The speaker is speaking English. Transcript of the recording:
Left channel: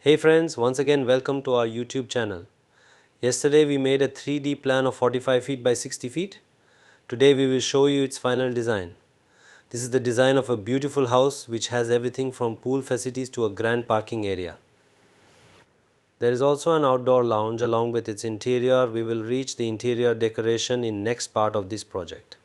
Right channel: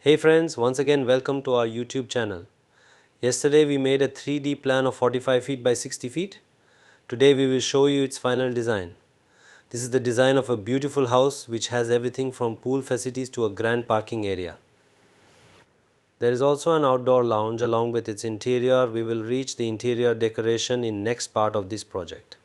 Hey friends, once again welcome to our YouTube channel. Yesterday we made a 3D plan of 45 feet by 60 feet. Today we will show you its final design. This is the design of a beautiful house which has everything from pool facilities to a grand parking area. There is also an outdoor lounge along with its interior. We will reach the interior decoration in next part of this project.